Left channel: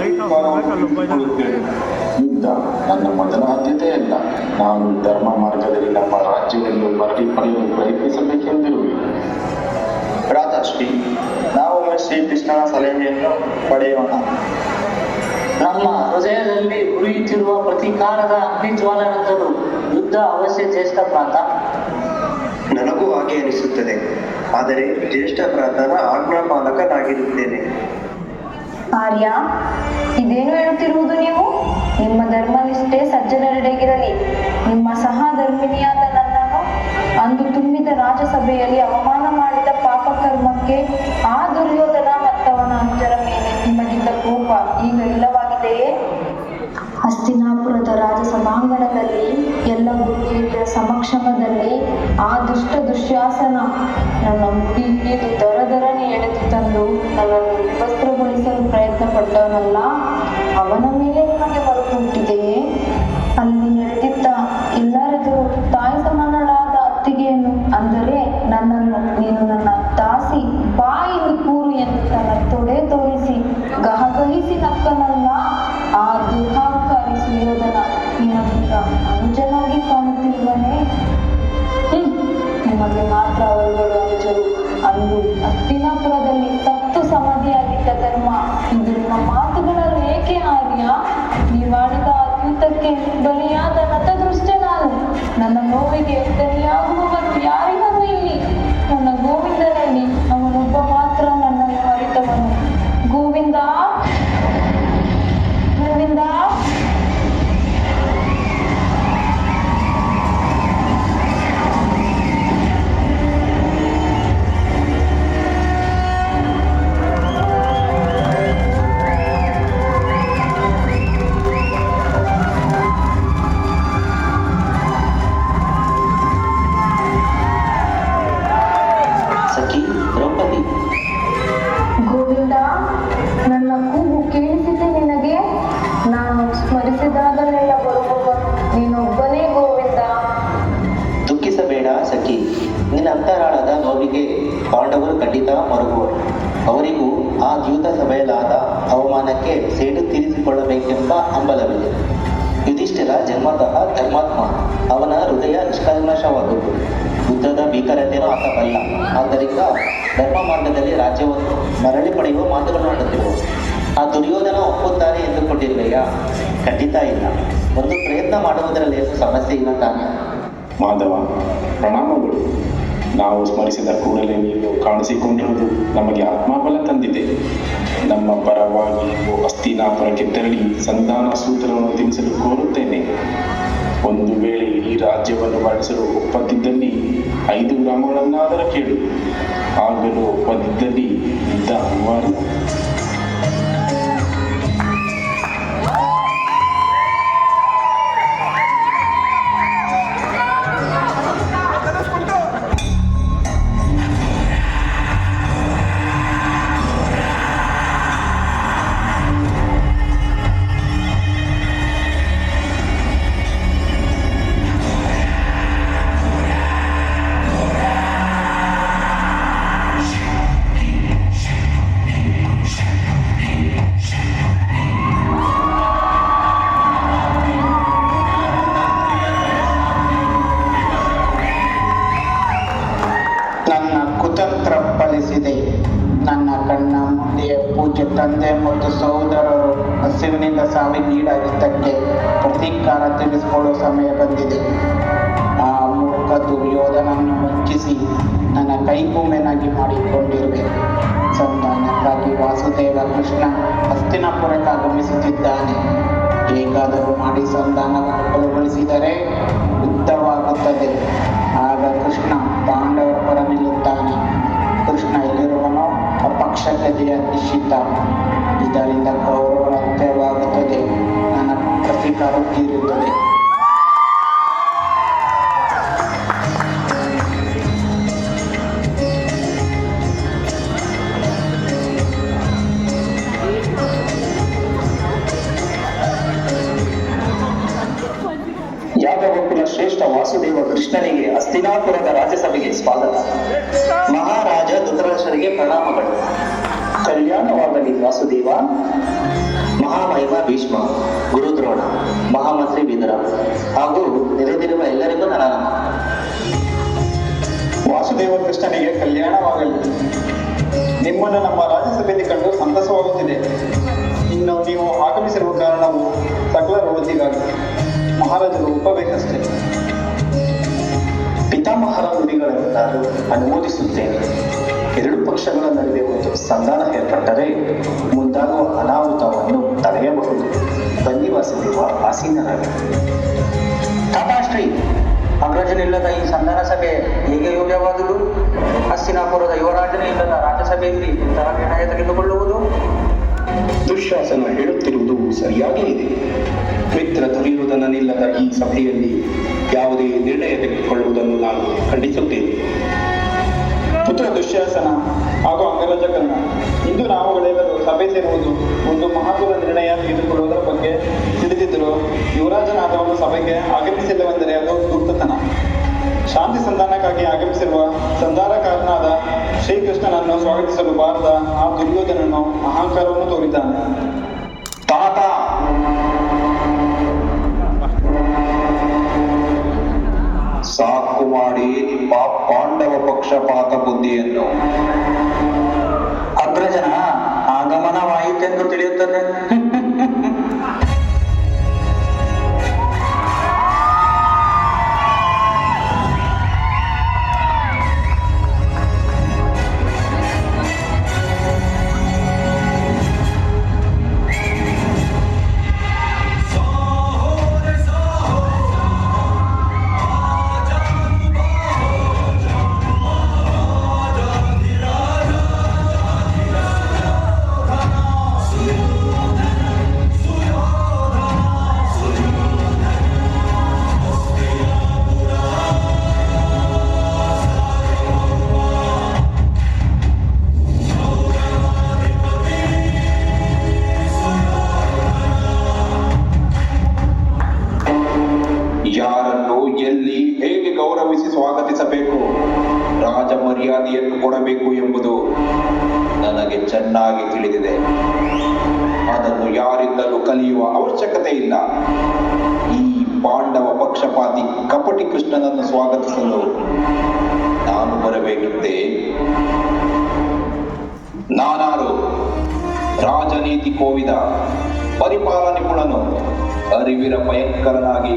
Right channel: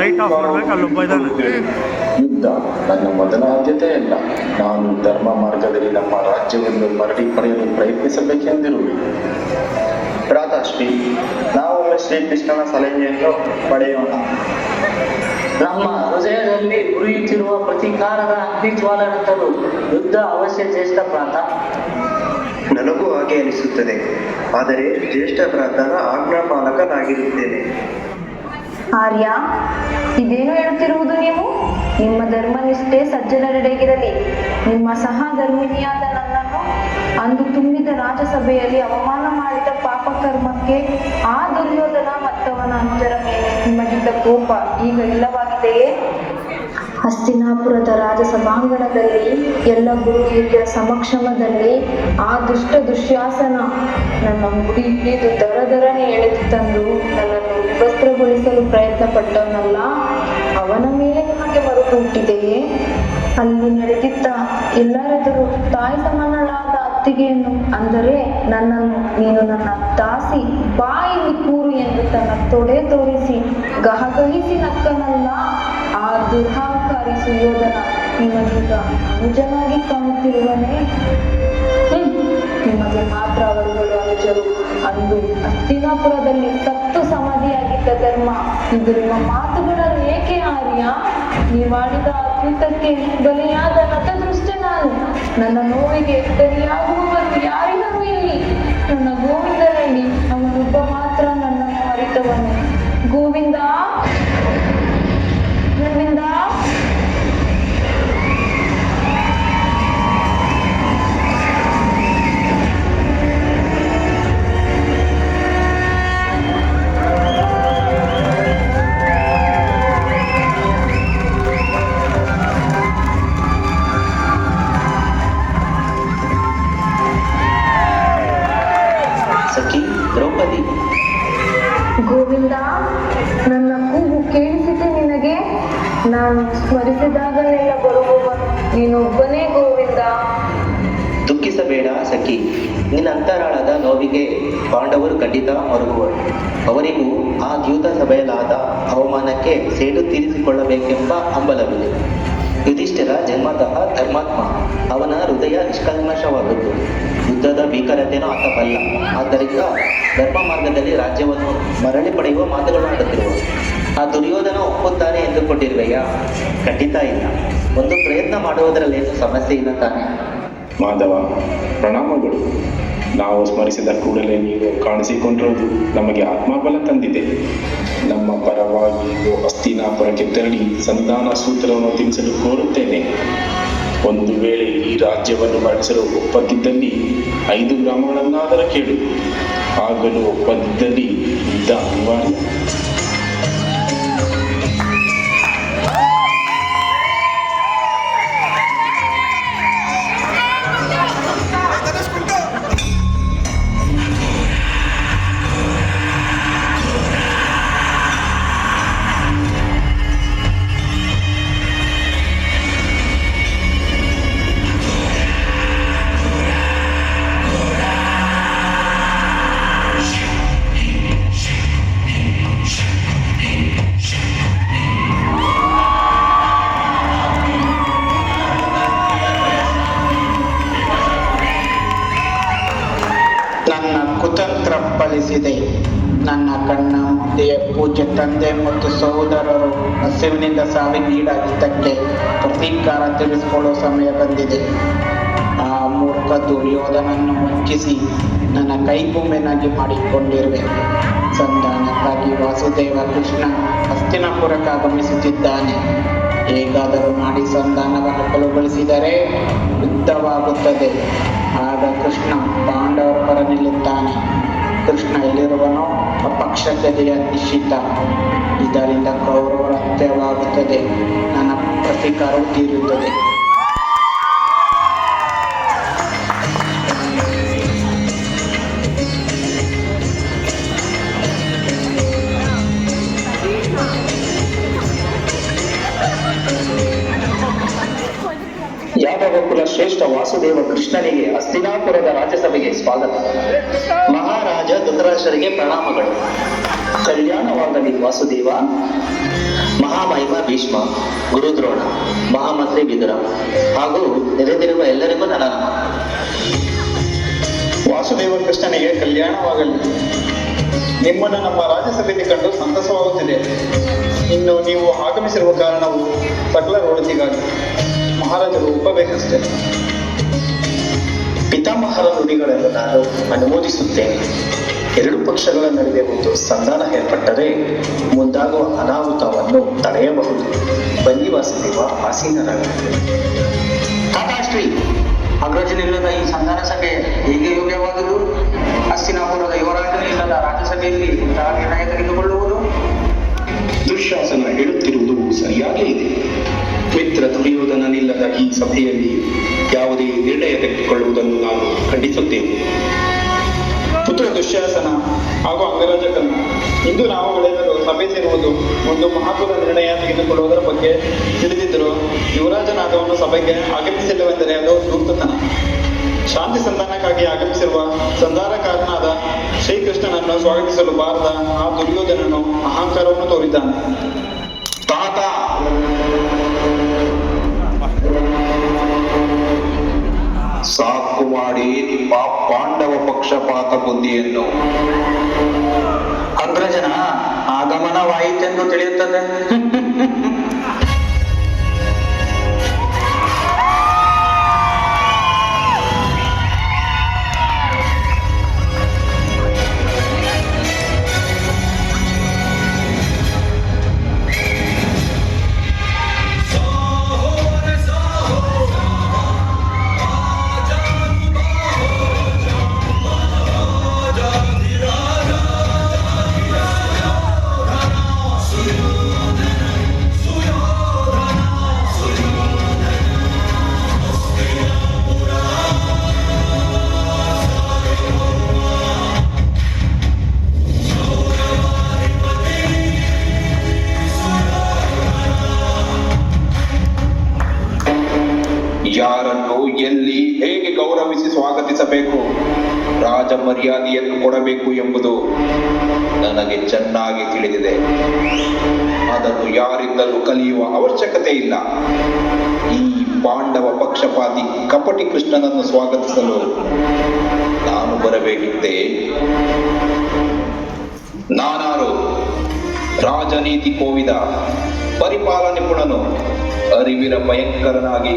Light off ಮಾಡ್ಬೇಕು. ಅಲ್ಲೊಬ್ಬ ಇದ್ದಾನೆ. ಯುದ್ಧ ನನ್ನ ಮೊದಲ ಆದ್ಯತೆಯಲ್ಲ. ನಾನು ಧರ್ಮ ಮಾರ್ಗದಲ್ಲಿ ನಮ್ಮ ರಾಜ್ಯವನ್ನು ಮರಳಿ ಪಡೆಯಲು ಪ್ರಯತ್ನಿಸಬೇಕೆಂದಿರುವೆ. ಭ್ರಾತೃಶ್ರೀ, ನಾವೊಮ್ಮೆ ಶ್ರೀಕೃಷ್ಣನ ಸಲಹೆಯನ್ನು ಪಡೆಯೋಣ. ನಮ್ಮ ಹೃದಯದಲ್ಲಿ ಉರಿಯುತ್ತಿರುವ ಪ್ರತೀಕಾರದ ಅಗ್ನಿಜ್ವಾಲನಂತರೂ ಯುದ್ಧ ಅವಶ್ಯ ಜ್ಯೇಷ್ಠ ಭ್ರಾತ. ನನಗೂ ಹಾಗೆ ಅನಿಸುತ್ತದೆ. ಆದರೆ ಜ್ಯೇಷ್ಠ ಭ್ರಾತನ ಆಜ್ಞಾಪಾಲಕನಾಗಿರುತ್ತೇನೆ. ಆರ್ಯ, ಇದೇನು ಹೇಳುತ್ತಿರುವುದು ನೀವು? ನಿಮ್ಮ ಧರ್ಮನಿಷ್ಠೆ ಸಜ್ಜನರೆಡೆಗಿರಲಿ. ನಿಮ್ಮ ಸಹಧರ್ಮಿಣಿಯಾದ ನನ್ನನ್ನು ಅಂದು ತುಂಬಿದ ರಾಜಸಭೆಯಲ್ಲಿ ಅವಮಾನ ಮಾಡಿದ ಪಾಪಕರ್ಮಕ್ಕೆ ಆ ದುರ್ಯೋಧನ ಮತ್ತವನ ಅನುಜರ ಮೇಲೆ ನಿಮಗಿದ್ದ ಕೋಪ ಈಗ ಇಲ್ಲವಾಗಿದೆಯೇ? ಹಸ್ತಿನಾಪುರದ ರಾಜ ಸಭಾಂಗಣದಲ್ಲಿ ಎಲ್ಲ ಗುರು ಹಿರಿಯರ ಸಮಕ್ಷಮದಲ್ಲಿ ಆ ದುಶ್ಯಾಸನ ನನ್ನ ಮುಡಿ ಹಿಡಿದು ದರದರನೆ ಎಳೆದು ತಂದು ನನ್ನನ್ನು ವಿವಸ್ತ್ರಗೊಳಿಸಲು ಪ್ರಯತ್ನ ಪಟ್ಟವನಲ್ಲ, ಅವನ ಮೇಲೆ ನಿಮಗೆ ಮರುಕು ಹುಟ್ಟಿದೆಯೇ? ಅಲ್ಲಿ ನಡೆದಿದ್ದ ಎಲ್ಲರಿದ್ದರೂ ತಾಯಿ ಸಮಾನಳಾದ ಅತ್ತಿಗೆಯನ್ನು, ಅಂದರೆ ನನ್ನನ್ನು ನೀನು ನನ್ನ ದಾಸಿ ಬಾಯಿಲು ಕೂರು ಎಂದು ತನ್ನ ತೊಡೆ ತೋರಿಸಿ ಗಹಗಹಿಸಿ ನಕ್ಕನಲ್ಲ, ಆ ದುರ್ಹಾಂಕಾರಿ ಸುಯೋಧನ ನಿಮಗೀಗ ಅನುಜನಾಗಿ ಕಾಣುತ್ತಿರುವನೇ? ನಿಮಗೆ ಮಾತ್ರ ಅವರುಗಳು ಅನುಜರು. ಅಂದು ಹಸ್ತಿನಾಪುರದಲ್ಲಿ ಸತ್ತು ಸಮಾಧಿಯಾಗಿದ್ದ ಧರ್ಮ ಇದು ನಿಮ್ಮ ಮಾತುಗಳನ್ನು ಏಕೆ ಆರ್ಯ? ನೀವಾಡಿದ ಅತ್ಯುತಕ್ಕೆ ಬಲಿಯಾದ ನತದೃಷ್ಟ ನಾನು. ನನ್ನ ನೋವಿಗೆ ಬಲಿಯಾಗುವವರು ಯಾರಿಗೂ ಇಲ್ಲಿ. ನನ್ನ ಗೋವಿಂದನಲ್ಲಿ ಅವನೊಬ್ಬ ಮಾತ್ರ ನನ್ನನ್ನು ಅರಿತವನು. ಗೋವಿಂದ, ಗೋವಿಂದ. ಸಖಿ ದ್ರೌಪದಿ, ಗೋವಿಂದ, ನನ್ನ ಕೂಗು ಕೇಳಿಸಿದೆ ನಿನಗೆ? ನಾನು ಸ್ಮರಿಸಿದಾಗಲೆಲ್ಲ ಬರುವವನು ನೀನೊಬ್ಬನೇ ಗೋವಿಂದ. ದುಃಖಿಸಬೇಡ ಸಖಿ. ನಿನ್ನ ಅಂತರಾಳದ ನೋವಿಗೆ ಪಾಂಡವರು ಖಂಡಿತ ಮರುಗುವರು. ಅವರಿಗೂ ಆ ದ್ಯೂತ ಸಭೆಯಲಾದ ಅವಮಾನಕ್ಕೆ ಸೇಡು ತೀರಿಸಿಕೊಳ್ಳಬೇಕೆಂಬ ಹಂಬಲವಿದೆ. ಯುಧಿಷ್ಠಿರ ಜನ್ಮತಃ ಧರ್ಮಾತ್ಮ. ಅವನ ಹೃದಯ ನಿಷ್ಕಲ್ಮಶವಾದುದು. ಯುದ್ಧದ ಭೀಕರತೆಯನ್ನು ಆತಬಲ್ಲ. ಆದ್ದರಿಂದ ಧರ್ಮ ಮಾರ್ಗದಲ್ಲಿ ರಾಜ್ಯವನ್ನು ಮರಳಿ ಪಡೆಯುವ ಮಾತುಗಳು ಆಡುತ್ತಿರುವುದು. ಆ ದುರ್ಯೋಧನ ಒಪ್ಪುತ್ತಾನೆ ಎಂದುಕೊಂಡಿರುವೆಯಾ? ಖಂಡಿತ ಇಲ್ಲ. ಒಂದು ಪ್ರಯತ್ನ ಮಾಡುವುದರಲ್ಲಿ ಸಮಸ್ಯೆ ಇಲ್ಲ ತಾನೆ? ಮಾಧವ, ಪ್ರಣಾಮಗಳು. ನಾವು ಸ್ಮರಿಸಿದ ಕೂಡಲೇ ನೀವು ಕಾಣಿಸಿಕೊಂಡಿರುವುದು ನಮಗೆ ಆತ್ಮಬಲ ತಂದಿದೆ. ನಮ್ಮ ಪರವಾಗಿ ನೀವು ಹಸ್ತಿನಾಪುರಕ್ಕೆ ತೆರಳಿ ಸಂಧಾನ ಸೂತ್ರವನ್ನು ತಿಳಿಸಲು ಕೋರುತ್ತೇನೆ. ಒಂದು ವೇಳೆ ಈ ರಾಜ್ಯವನ್ನು ಮರಳಿಸಲು ಒಪ್ಪದಿದ್ದಲ್ಲಿ 5 ಗ್ರಾಮಗಳನ್ನಾದರೂ ಕೇಳು. ಆಗಲು ಒಪ್ಪದಿದ್ದಲ್ಲಿ ಯುದ್ಧ ಅನಿವಾರ್ಯ. ನನ್ನ ಕಣ್ಣ ಮುಂದೆ ಪೂಜ್ಯ ತಂದೆ ಮತ್ತು ಸಹೋದರರು ಹಸಿವಿನಿಂದ ಸಾವಿಗೀಡಾಗಿದ್ದಕ್ಕೆ ಪ್ರತೀಕಾರ ತಿಳಿಸಿಕೊಳ್ಳುವ ಸಮಯ ಬಂದಿದೆ. ಆ ಮೂರ್ಖ ದುರ್ಯೋಧನನ್ನು ಮುಚ್ಚಿಸಿ ನನ್ನ ಕೈಗುಂಬೆನಾಗಿ ಮಾಡಿಕೊಂಡಿರುವೆ. ಸಂಧಾನಕ್ಕಾಗಿ ವಾಸುದೇವ ಕೃಷ್ಣ ಹಸ್ತಿನಾಪುರಕ್ಕೆ ಆಗಮಿಸುತ್ತಿದ್ದಾನೆ. ಹೇಗಾದರೂ ಮಾಡಿ ಸಂಧಾನವನ್ನು ಕೊನೆಗೊಳಿಸಿದರೆ ಯುದ್ಧವಾಗುತ್ತದೆ. ಆಗ ಕೃಷ್ಣ ಪಾಂಡವರ ಪರ ನಿಲ್ಲುತ್ತಾನೆ. ಕೃಷ್ಣ ಎಲ್ಲಿರುವನೋ ಅಪಕ್ಷತೆಯ ನಿಶ್ಚಿತ. ಇದರಿಂದ ಕೌರವರ ಅಂತ್ಯವಾಗುತ್ತದೆ. ನನ್ನ ಪ್ರತೀಕಾರ ತೀರುತ್ತದೆ. ಯಾದವಕುಲ ಶ್ರೇಷ್ಠ ವಾಸುದೇವ ಕೃಷ್ಣನಿಗೆ ಹಸ್ತಿನಾಪುರದ ರಾಜ್ಯಸಭೆಗೆ ಸ್ವಾಗತ. ಮಹಾರಾಜ ಧೃತರಾಷ್ಟ್ರರಿಗೆ ಪ್ರಣಾಮಗಳು. ಕಲ್ಯಾಣವಾಗಲಿ ವಾಸುದೇವ. ಭೀಷ್ಮ, ಗುರುದ್ರೋಣ, ಮಹಾಮಂತ್ರಿ ವಿದುರ ಹಾಗೂ ನೆರೆದಿರುವ ಎಲ್ಲರಿಗೂ ನನ್ನ ನಮನ. ವಾಸುದೇವ ಕೃಷ್ಣನಿಗೆ ಕಲ್ಯಾಣವಾಗಲಿ. ನಿಮ್ಮನ್ನು ನಮ್ಮ ರಾಜ್ಯಸಭೆಯಲ್ಲಿ ಕಂಡು ಸಂತಸವಾಗುತ್ತಿದೆ. ಇನ್ನು ನೀವು ಆಗಮಿಸಿರುವ ಕಾರಣವು ಸಕಲ ಒಳಿತಿಗಾಗಿ. ಮಹಾರಾಜರು ಒಪ್ಪಬೇಕಷ್ಟೇ. ಪಿತಾಮಹರ ನುಡಿಗಳನ್ನು ನಾನು ಅನುಮೋದಿಸುತ್ತೇನೆ. ಎರಡು ಪಕ್ಷಗಳ ನಡುವೆ ಒಂದು ಸಂಧಾನ ಏರ್ಪಟ್ಟರೆ ಮುಂದಾಗುವ ಅನಾಹುತವನ್ನು ತಡೆಯಬಹುದು. ಬನ್ನಿ ವಾಸುದೇವ, ಆಸೀನರಾಗಿ. ಶ್ರೀ ಅಗ್ರಜನಿಲ್ಲದ ಈ ಸಂಧಾನ ಸಭೆ ಹೇಗೆ ಯೋಗ್ಯವಾದುದು? ಹಸ್ತಿನಾಪುರದ ಯುವರಾಜನೇ ಇಲ್ಲದ ರಾಜ್ಯಸಭೆಯಲ್ಲಿ ಇಂತಹ ನಿರ್ಣಯ ತೆಗೆದುಕೊಳ್ಳುವುದು? ದುಶ್ಯಾಸನ ಹೇಳುತ್ತಿರುವುದು ಸರಿಯಾಗೇ ಇದೆ. ಮಿತ್ರ ದುರ್ಯೋಧನನಿಲ್ಲದ ಈ ಸಭೆಯಲ್ಲಿ ಯಾವುದೇ ನಿರ್ಣಯ ತೆಗೆದುಕೊಳ್ಳುವುದನ್ನು ನಾನು ಖಂಡಿಸುತ್ತೇನೆ. ಪುತ್ರ ದುಶ್ಯಾಸನ ಹಾಗೂ ಅಂಗರಾಜಕರಣ, ಇಂದು ನಾವು ಬೆಳೆಯಲು ಸಭೆ ಸೇರುವುದು ಒಂದು ಮಹತ್ವದ ನಿರ್ಣಯ ತೆಗೆದುಕೊಳ್ಳುವುದರ ಬಗ್ಗೆ ತಿಳಿದಿದ್ದರೂ ಯುವರಾಜನಾದವನು ಸಭೆಗೆ ಆಗಮಿಸಿಲ್ಲವೆಂದರೆ ಅದು ಧೂರ್ತತನ. ಶಾಂತಿ ಸಂಧಾನಕ್ಕಾಗಿ ಆಗಮಿಸಿರುವ ಸಂಧಾನಕಾರನಾದ ಶ್ರೀಕೃಷ್ಣನನ್ನು ಸ್ವಾಗತಿಸಲು ಬಾರದ ಆ ದುರ್ಯೋಧನನು ಅಹಂಕಾರವನ್ನು ತೋರಿದ್ದಾನೆ. ತಾತ, ಸಾಕು ಮಾಡಿ ನಿಮ್ಮ ಪಾಂಡವ ಪಕ್ಷಪಾತ ಬುದ್ಧಿಯನ್ನು. ಅಗ್ರಜನ ಆಗಮನವಾಯಿತೆಂದು ತಿಳಿಯುತ್ತದೆ. ಯಾರನ್ನು ಎಲ್ಲಿ ಹೇಗೆ ಗೌರವಿಸಿ ಸ್ವಾಗತಿಸಬೇಕು, ರಾಜ ಮರ್ಯಾದೆಯನ್ನು ಕೊಡಬೇಕು ಎಂಬುದು ನನಗೆ ಚೆನ್ನಾಗಿ ತಿಳಿದಿದೆ. ಅದನ್ನು ಯಾರಿಂದಲೂ ಕಲಿಯುವ ಅವಶ್ಯಕತೆ ಇಲ್ಲ. ಈ ಪಾಂಡವ ಪಕ್ಷಪಾತಿ ಕಪಟಿ ಕೃಷ್ಣನನ್ನು ಸ್ವಾಗತಿಸಲು ನಾನು ಬರಬೇಕಿದ್ದೆ. ನಾನಾರು ರಾಜನೀತಿ ಕೋವಿದ, ಪರಿಪಾಲನಾ ನಿಪುಣನು, ಅರಿವಿನ ಭಯಂಕರನಾಗಿ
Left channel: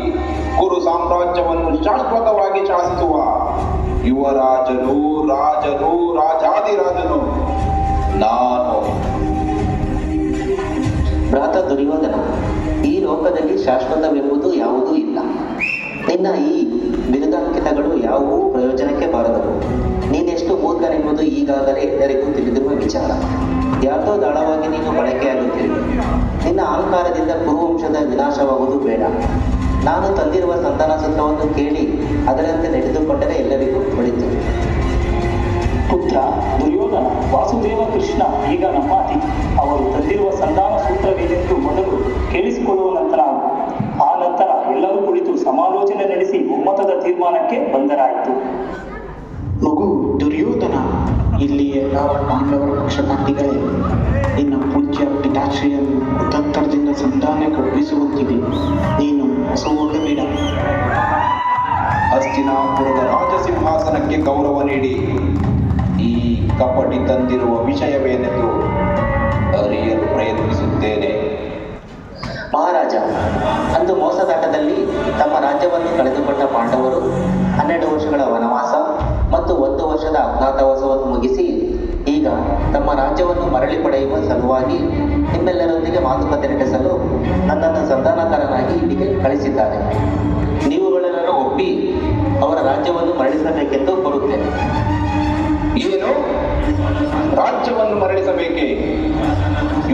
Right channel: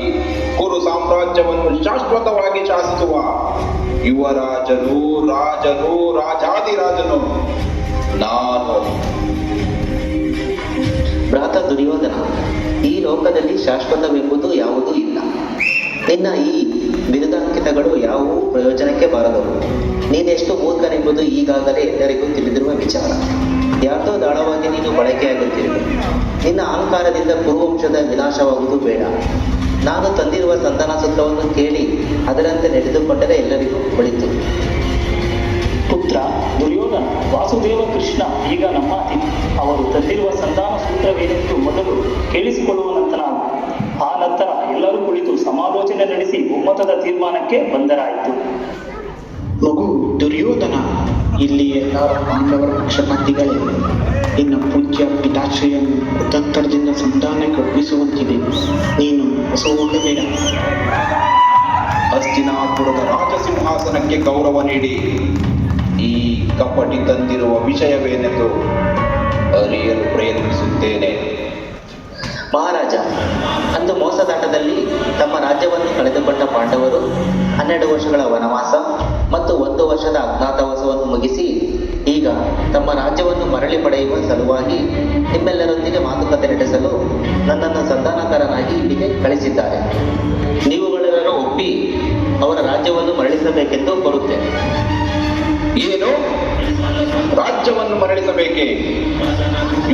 ಕುರು ಸಾಮ್ರಾಜ್ಯವನ್ನು ಶಾಶ್ವತವಾಗಿ ಶಾಸಿಸುವ ಯುವರಾಜನು, ರಾಜನು, ರಾಜಾದಿರಾಜನು ನಾನು. ಭ್ರಾತ ದುರ್ಯೋಧನ, ಈ ಲೋಕದಲ್ಲಿ ಶಾಶ್ವತವೆಂಬುದು ಯಾವುದೂ ಇಲ್ಲ. ನಿನ್ನ ಈ ಬಿರುದಾಂಕಿತಗಳು ಯಾವುವೂ ಪ್ರಯೋಜನಕ್ಕೆ ಬಾರದವು. ನೀನೆಷ್ಟು ಮೂರ್ಖನೆಂಬುದು ಈಗಾಗಲೇ ಎಲ್ಲರಿಗೂ ತಿಳಿದಿರುವ ವಿಚಾರ. ಯಾತೋ ದಾಳವಾಗಿ ನೀನು ಬಳಕೆಯಾಗುತ್ತಿರುವೆ. ನಿನ್ನ ಅಹಂಕಾರದಿಂದ ಕುರುವಂಶದ ವಿನಾಶವಾಗುವುದು ಬೇಡ. ನಾನು ತಂದಿರುವ ಸಂಧಾನ ಸೂತ್ರವನ್ನು ಕೇಳಿ ಅದರಂತೆ ನಡೆದುಕೊಂಡರೆ ಎಲ್ಲರಿಗೂ ಒಳಿತು. ಪುತ್ರ ದುರ್ಯೋಧನ, ವಾಸುದೇವ ಕೃಷ್ಣ ಈಗ ನಮ್ಮ ಅತಿಥಿ. ಅವರು ತಂದಿರುವ ಸಂಧಾನ ಸೂತ್ರವೇನೆಂದು ಮೊದಲು ಕೇಳಿಸಿಕೊಳ್ಳುವ ನಂತರ ಆ ನಂತರ ಎಲ್ಲರೂ ಕುಳಿತು ಸಮಾಲೋಚನೆ ನಡೆಸಿ ಒಮ್ಮತದ ತೀರ್ಮಾನಕ್ಕೆ ಬಂದರಾಯಿತು. ಮಗು ದುರ್ಯೋಧನ, ಇಲ್ಲಿ ಎಲ್ಲ ಪಾಂಡವರ ಪಕ್ಷಪಾತಿಗಳೇ. ನಿನ್ನ ಪೂಜ್ಯ ಪಿತಾಶ್ರಿಯನ್ನು ತತ್ತರದಿಂದ ಸಂಧಾನಕ್ಕೆ ಒಪ್ಪಿಸುವಂತಿದೆ. ನೀನು ಸೋಲಬೇಡ. ಹಸ್ತಿನಾಪುರದ ರಾಜಸಿಂಹಾಸನಕ್ಕೆ ಗೌರವ ನೀಡಿ ಈ ಕಪಟಿ ತಂದಿರುವ ವಿಷಯವೇನೆಂದು ಅರಿಯಲು ಪ್ರಯತ್ನಿಸುತ್ತೇನೆ. ಮಹಾರಾಜ, ಅಂದು ಮೋಸದಾಟದಲ್ಲಿ ತಮ್ಮ ರಾಜ್ಯವನ್ನು ಕಳೆದುಕೊಂಡ ಪಾಂಡವರು 12 ವರ್ಷಗಳ ವನವಾಸ ಮತ್ತು 1 ವರ್ಷದ ಅಜ್ಞಾತವಾಸವನ್ನು ಮುಗಿಸಿ ಈಗ ತಮ್ಮ ರಾಜ್ಯವನ್ನು ಮರಳಿ ಪಡೆಯುವ ಸಲುವಾಗಿ ನಿಮ್ಮೆಲ್ಲರೊಂದಿಗೆ ಮಾತುಕತೆ ನಡೆಸಲು ನನ್ನನ್ನು ಸಂಧಾನಕಾರನಾಗಿ ಇಲ್ಲಿಗೆ ಕಳಿಸಿದ್ದಾರೆ. ನೀವುಗಳೆಲ್ಲರೂ ಒಪ್ಪಿ ಅವರ ರಾಜ್ಯವನ್ನು ಮರಳಿಸಬೇಕೆಂದು ಕೋರುತ್ತೇನೆ. ಏನು? ರಾಜ್ಯವನ್ನು ಮರಳಿಸಬೇಕೆ?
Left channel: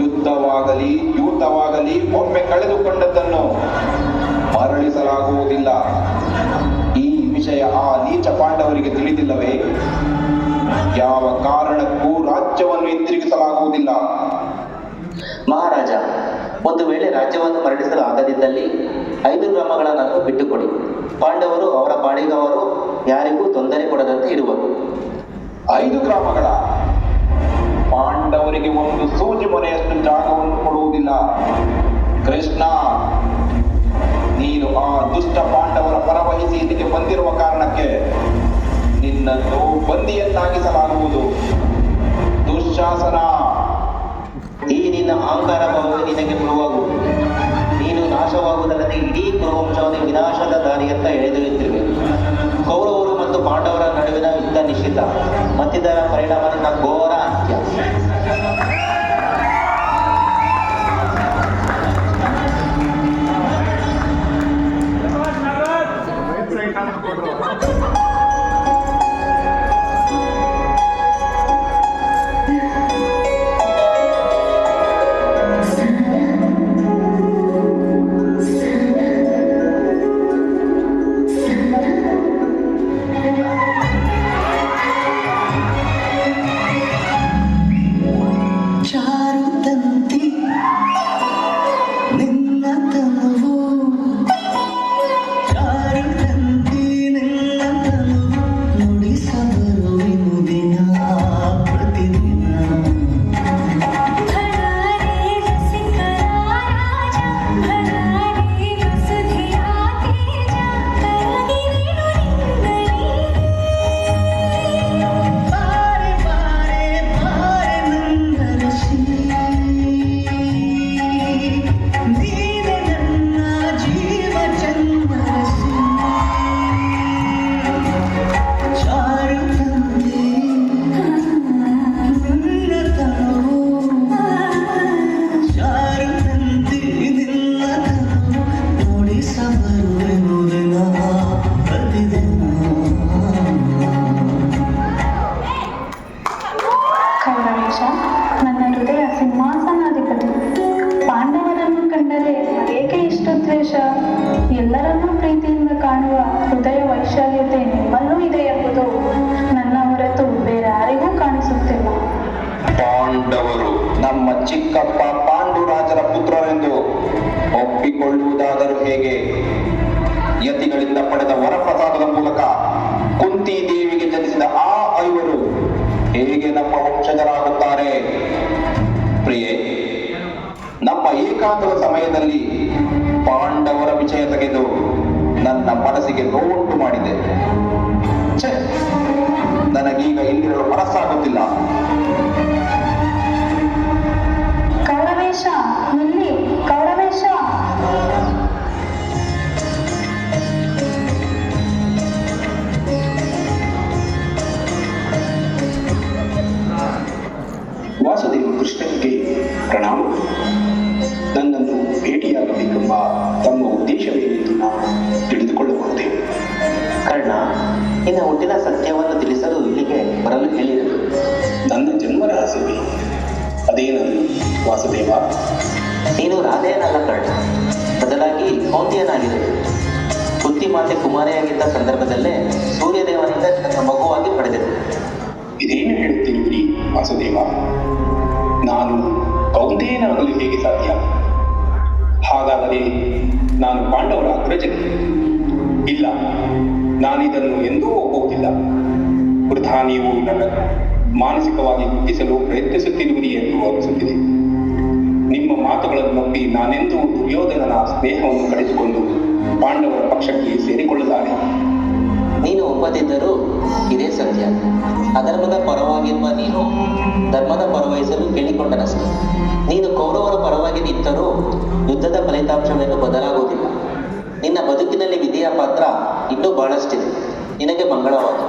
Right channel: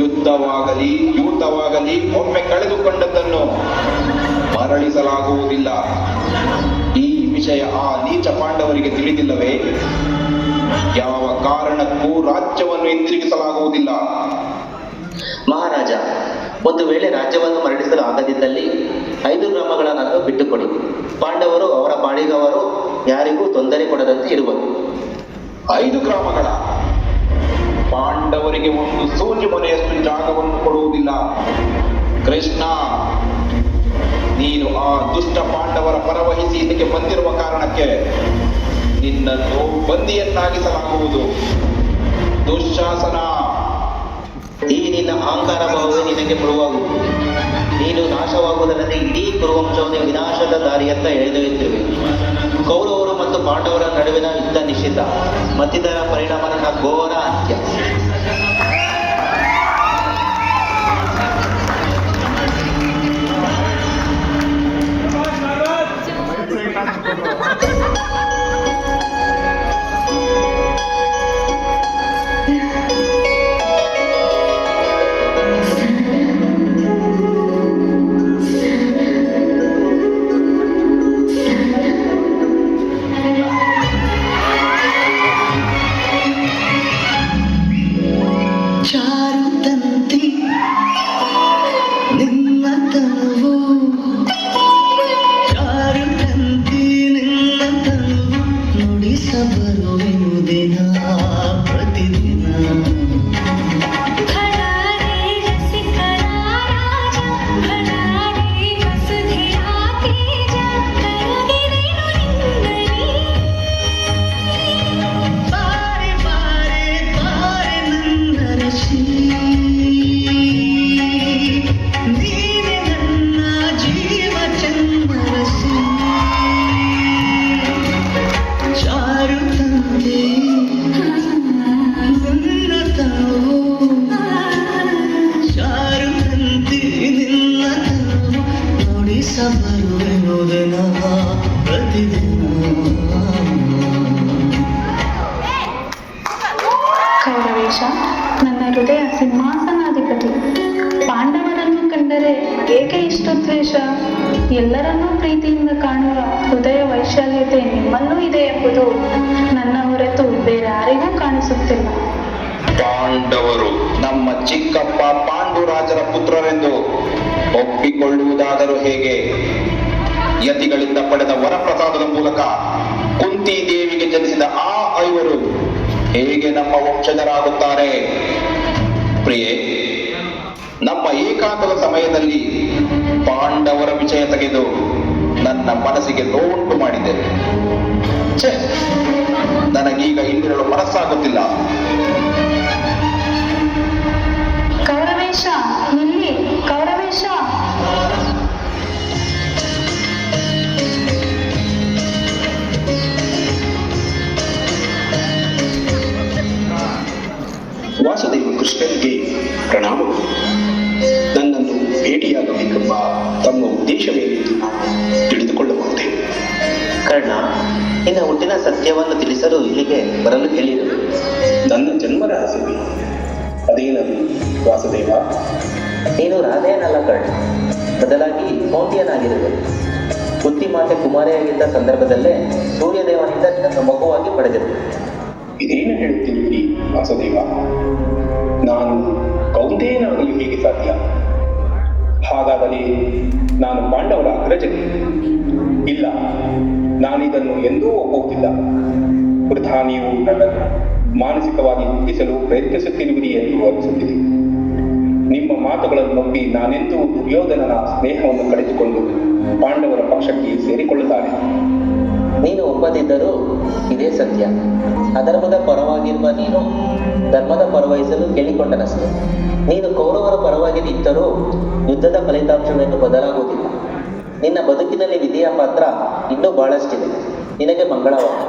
ಯುದ್ಧವಾಗಲಿ ಯೂತವಾಗಲಿ ಒಮ್ಮೆ ಕಳೆದುಕೊಂಡದ್ದನ್ನು ಮರಳಿಸಲಾಗುವುದಿಲ್ಲ. ಈ ವಿಷಯ ಆ ನೀಚ ಪಾಂಡವರಿಗೆ ತಿಳಿದಿಲ್ಲವೇ? ಯಾವ ಕಾರಣಕ್ಕೂ ರಾಜ್ಯವನ್ನು ಹಿಂದಿರುಗಿಸಲಾಗುವುದಿಲ್ಲ. ಮಹಾರಾಜ, ಒಂದು ವೇಳೆ ರಾಜ್ಯವನ್ನು ಮರಳಿಸಲು ಆಗದಿದ್ದಲ್ಲಿ 5 ಗ್ರಾಮಗಳನ್ನು ಬಿಟ್ಟುಕೊಡಿ. ಪಾಂಡವರು ಅವರ ಪಾಡಿಗವರು ಯಾರಿಗೂ ತೊಂದರೆ ಕೊಡದಂತೆ ಇರುವರು. 5 ಗ್ರಾಮಗಳ? ಪಾಂಡವರಿಗೆ ಒಂದು ಸೂಜು ಮನೆಯಷ್ಟು ಜಾಗವನ್ನು ಕೊಡುವುದಿಲ್ಲ. ಕೃಷ್ಣ, ನೀನು ಆ ದುಷ್ಟ ಪಾಂಡವರ ಪರವಹಿಸಿ ಇಲ್ಲಿಗೆ ಬಂದಿರುವ ಕಾರಣಕ್ಕೆ ನಿನ್ನನ್ನು ಬಂದಿಯನ್ನಾಗಿಸಲಾಗುವುದು. ದುಶ್ಯಾಸನ, ಈ ನಿನ್ನ ಅಹಂಕಾರ ಭಾವವೇ ನಿನಗೆ ಪುರುವಾಗುವುದು. ನೀನು ನಾಶವಾಗುವುದಲ್ಲದೆ ಇಡೀ ಕುರುವಂಶವನ್ನು ವಿನಾಶದ ದಾರಿಯತ್ತ ಎಳೆದೊಯ್ಯುತ್ತಿವೆ. ಕೌರವರು ಮತ್ತು ಪಾಂಡವರ ನಡುವಿನ ಯುದ್ಧ ನಿಷಿದ್ಧ, ಮತ್ತಿದರ ಪರಿಣಾಮ ನಿನ್ನ ಘೋರ ಅಂತ್ಯ. ಕೌರವೇಶ, ನನ್ನ ಹೃದಯ ಸಿಂಹಾಸನಾಧಿಪತಿ. ಪಾಂಡವರನ್ನು ಕಂಡರೆ ಏಕೆ ಇಷ್ಟು ದ್ವೇಷ? ಎಲ್ಲರನ್ನೂ ಪ್ರೀತಿಯಿಂದ ಕಾಣುವ ಹೃದಯ ವೈಶಾಲ್ಯತೆ ನಿಮ್ಮಲ್ಲೂ ಇದೆ ಎಂಬುದು ನನ್ನ ಹೊರತು ಬೇರೆ ಯಾರಿಗೂ ಕಾಣಿಸುತ್ತಿಲ್ಲ. ಪಾಂಡವರು ನಮ್ಮ ಚಿಕ್ಕಪ್ಪ ಪಾಂಡುರಾಜರ ಪುತ್ರರೆಂದು ಒಪ್ಪಿಕೊಳ್ಳುವುದಾದರೂ ಹೇಗೆ? ಯತಿಗಳಿಂದ ಪಡೆದ ವರಪ್ರಸಾದದ ಮೂಲಕ ಕುಂತಿ ದೇವಿಗೆ ಜನಿಸಿದ ಆ ಐವರು ಹೇಗೆ ನಮ್ಮ ವಂಶಜರಾಗುತ್ತಾರೆ? ಪ್ರಿಯೆ, ನಮ್ಮ ಏಕಾಂತದ ಸಮಯದಲ್ಲಿ ಪಾಂಡವರ ವಿಷಯ ತೆಗೆದು ನನ್ನ ಮನಸ್ಸಿಗೆ ನೋವುಂಟು ಮಾಡಿದೆ. ಛೆ, ನನಗೀಗ ಇಲ್ಲಿರಲು ಮನಸ್ಸಾಗುತ್ತಿಲ್ಲ. ಕೌರವೇಶ, ಇಲ್ಲಿ ಕೌರವೇಶ. ವಾಸುದೇವ ಕೃಷ್ಣನಿಗೆ ಪ್ರಣಾಮ. ನನ್ನನ್ನು ಭೇಟಿಯಾಗಬೇಕೆಂಬ ತಮ್ಮ ಉದ್ದೇಶವೇನೆಂದು ನಾನು ತಿಳಿದುಕೊಳ್ಳಬಹುದೇ? ಕರ್ಣ, ನಿನ್ನ ಹುಟ್ಟಿನ ಸತ್ಯವನ್ನು ತಿಳಿಸಲು ಇಲ್ಲಿಗೆ ಬರಲು ಹೇಳಿದರು. ನನ್ನ ಜನ್ಮ ರಹಸ್ಯವೇ ಅದೇನದು ವಾಸುದೇವ? ನೀನು ರಾಧೆಯನಲ್ಲ ಕರ್ಣ, ಬದಲಾಗಿ ಕೌಂತಿಯನಾಗಿರುವೆ. ಕುಂತಿ ಮಾತೆ ಕುಮಾರಿಯಾಗಿದ್ದ ಸಂದರ್ಭದಲ್ಲೇ ಸೂರ್ಯದೇವನಿಂದ ನಿನ್ನ ಮಗುವಾಗಿ ಪಡೆದಿರು. ಇದೇನು ಹೇಳುತ್ತಿರುವಿರಿ ವಾಸುದೇವ? ನಾನು ಕೌಂತೆಯನಾಗಲು ಹೇಗೆ ಸಾಧ್ಯ? ಹಾಗಾದರೆ ನಾನು ಪಾಂಡವರ ಅಗ್ರಜನೆ? ಇಲ್ಲ, ನಾನಿದನ್ನು ಎಂದೂ ಒಪ್ಪುವುದಿಲ್ಲ. ವೃಥಾ ನೀವು ನನ್ನನ್ನು ಮಾನಸಿಕವಾಗಿ ಕುಗ್ಗಿಸಲು ಪ್ರಯತ್ನಿಸುತ್ತಿರುವಿರಿ ಎಂದು ಅನಿಸುತ್ತಿದೆ. ನಿಮ್ಮ ಮಾತುಗಳನ್ನು ನಂಬಿ ನಾನೆಂದೂ ದುರ್ಯೋಧನನ ಸ್ನೇಹವನ್ನು ಕಳೆದುಕೊಂಡು ಪಾಂಡವರ ಪಕ್ಷಕ್ಕೆ ಸೇರಿಕೊಳ್ಳಲಾರೆ. ನೀನು ಒಪ್ಪದಿದ್ದರೂ ಇದೇ ಸತ್ಯ. ಅಧರ್ಮದ ಪರವಾಗಿರುವ ನೀನು ಧರ್ಮದ ಪರವಹಿಸಲು ಕೇಳಿಕೊಂಡನಷ್ಟೆ. ನೀನು ಕೌರವರ ಪರವಾಗಿ ನಿಂತರೂ ಯುದ್ಧದ ಫಲಿತಾಂಶವೇನು ಬದಲಾಗುವುದಿಲ್ಲ. ನಿನ್ನ ಬದುಕಿನಲ್ಲಿ ವಿಧಿಯ ಪಾತ್ರ ಇನ್ನೂ ಬಹಳಷ್ಟಿದೆ. ನಿನಗೆ ಮಂಗಳವಾಗಲಿ.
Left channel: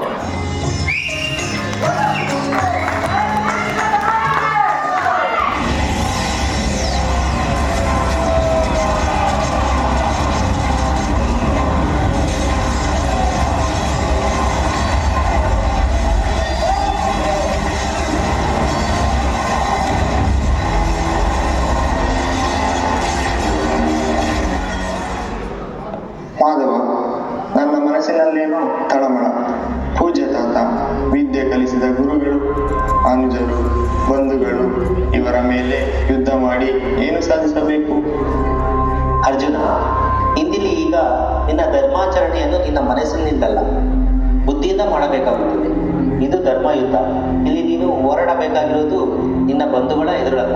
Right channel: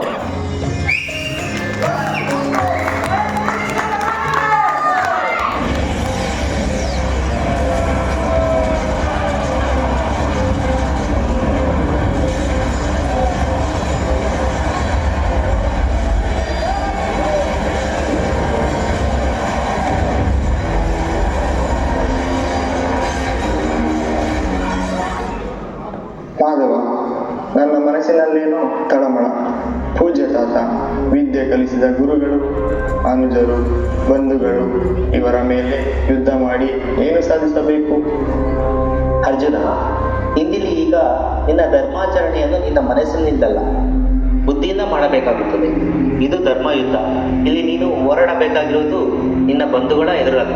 ಮಾಧವ, ನನ್ನ ಮನಸ್ಸಿನಲ್ಲೇನೋ ತಳಮಳ. ಪೂಜ್ಯ ತಾತ, ವಿದ್ಯೆ ಕಲಿಸಿದ ಗುರುಗಳು, ಅನುಜರು, ಬಂಧುಗಳು ಇವರ ಮೇಲೆ ಯುದ್ಧ ಮಾಡಿ ಏನು ಸಾಧಿಸಬೇಕು? ಅರ್ಜುನ, ಇಂದಿಲ್ಲಿ ಈಗ ನಿನ್ನ ಧರ್ಮಾಚರಣೆಯನ್ನು ನಿನ್ನ ಮನಸ್ಸಿನಿಂದಲ್ಲ, ಬುದ್ಧಿಯಿಂದ ಮಾಡಬೇಕಾಗುತ್ತದೆ. ಇದು ಧರ್ಮ ಯುದ್ಧ. ಇಲ್ಲಿ ನೀನು ಹೋರಾಡಬೇಕಾಗಿರೋದು ನಿನ್ನ ಬಂಧುಗಳ ಎದುರಲ್ಲ,